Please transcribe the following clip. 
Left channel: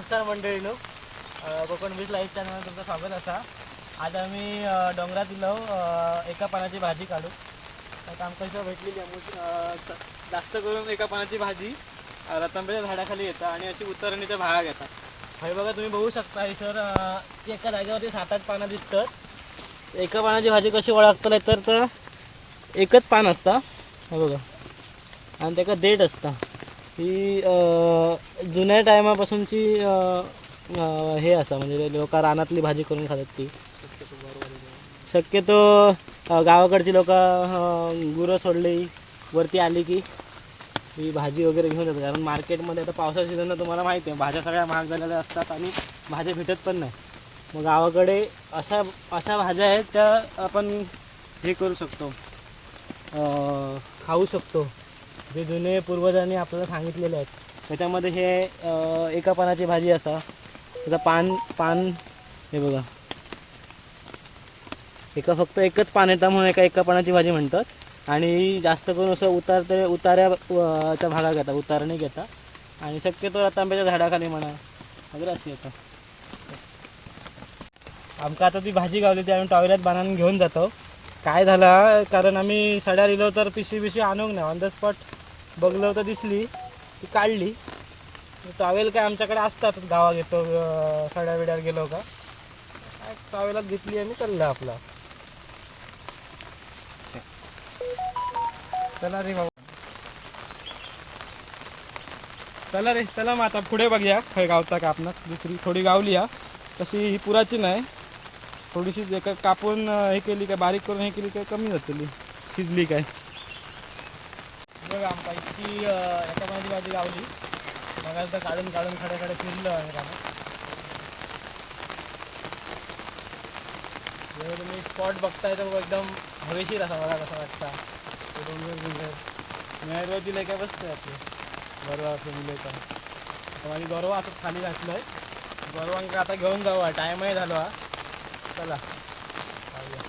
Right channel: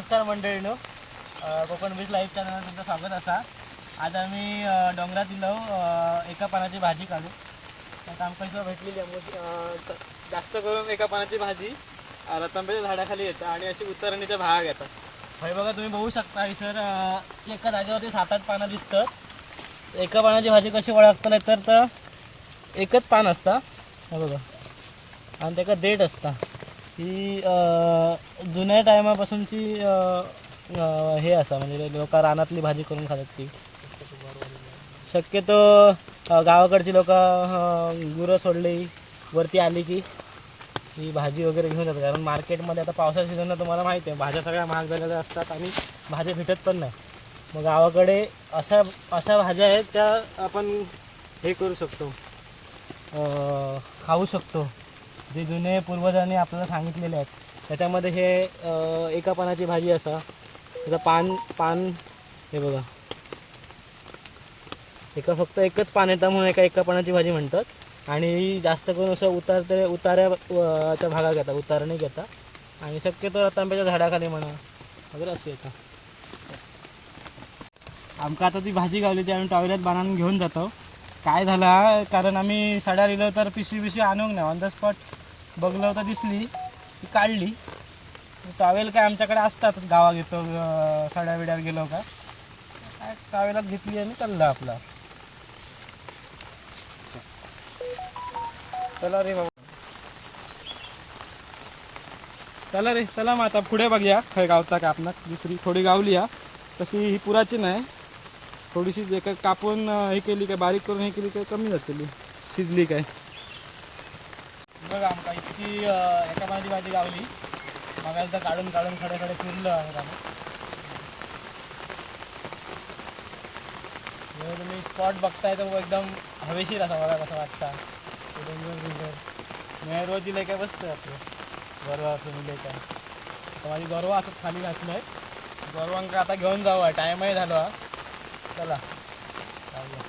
नमस्कार मंडळीनो. Konkan beach live चॅनलवर तुमचं स्वागत असा. आज आम्ही डोंगरात इलो एका पानाची भाजी काढू. तर काम कसं भेटलेली आहे? जास्त करून एका पानाची भाजी अ, रतांब्याच्या झाडाखाली येतं आणि अशी उतरणीचा भाग येतात. हे बघा तुम्ही बघू शकता ही सर एका जागेवरती सात आठ पानं दिसतात. एका पानाची भाजी कशी ओळखतले तर तर एकच पान असतं. हे बघा. आणि त्याका देठ असतं. ही जुन्या टायमापासूनची हे असा म्हणजे लोक रानातली भाजी करून खातात ती. शक्यतो गावाकडची लोक गुरं सोडली वरती आली की ही भाजी वगैरे घेऊन जातात. कारण मार्केटमध्ये आता पावसाच्या सीझनला तुम्हाला माहिती आहे भाज्या सगळ्या महाग झालेल्या असतात आणि भाज्या भेटत पण नाही. मग गावाकडे अशा अशा भाज्या आहेत ज्या आपण हे करू शकतो खाऊ शकतो. जे जुने पूर्वजांनी आपल्याला सांगितलेले आहेत. त्याच्यामध्ये हे एका पानाची भाजी असा. त्याचं पान पान हे बघा. एका फक्त एकच पान येतं म्हणून एका एका पानाची भाजी म्हणतात. आणि जास्त करून असं उतारते उतार्या अ, भागा घेतात उतारणी घेतात आणि शक्यतो रतांब्याच्या झाडाखाली म्हणा वगैरे अशी येतात आमका आता ती भाजी गावली ती आम्ही टॉयलेट बांधून घेऊन जातो. काय झाला कारण आम्ही सड्या दिलो तर पिशवी पिशवी आणूक नाही ऑन द स्पॉट बघलो तर दिसली. ती काढली. टावेल काय आमच्याकडे असतातच गावा घेतो सड्या बिड्यावर गेलो का? काय टॉवेलात घेतली आणि चालला आपला. चला रे बाबा. चला रे चला मग आता पुढे बघूया. खय गावता का दुसरी थोडी गावली हा. तशी ही पुराची नाही थोडीशी जे कापून हे केली काय बारीक करून हे केली काय कमी जातली शिजली काय. बघा आमका इतकी एका पाण्याची भाजी गावली. बघायला तर काढून काढून खडे खडे आहे त्यानं. जेव्हा तुम्ही स्पॉट बघताय तर एकदम हवेशीर असा बघा कसं वाटता. ते डोंगर बिंगर. मेहरवाची लय काय बसतंय आपलं. गरवा असं मिळेल काय आता माझी गर्व असं खाली घातलं आहे गरवांका आता घेऊन जाऊ टाईमही झालो हा. चला. जाऊया.